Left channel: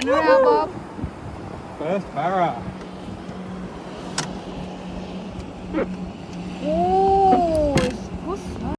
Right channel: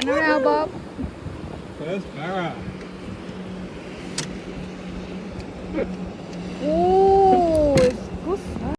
Turn around, Bob. That's para. Oh, it's good.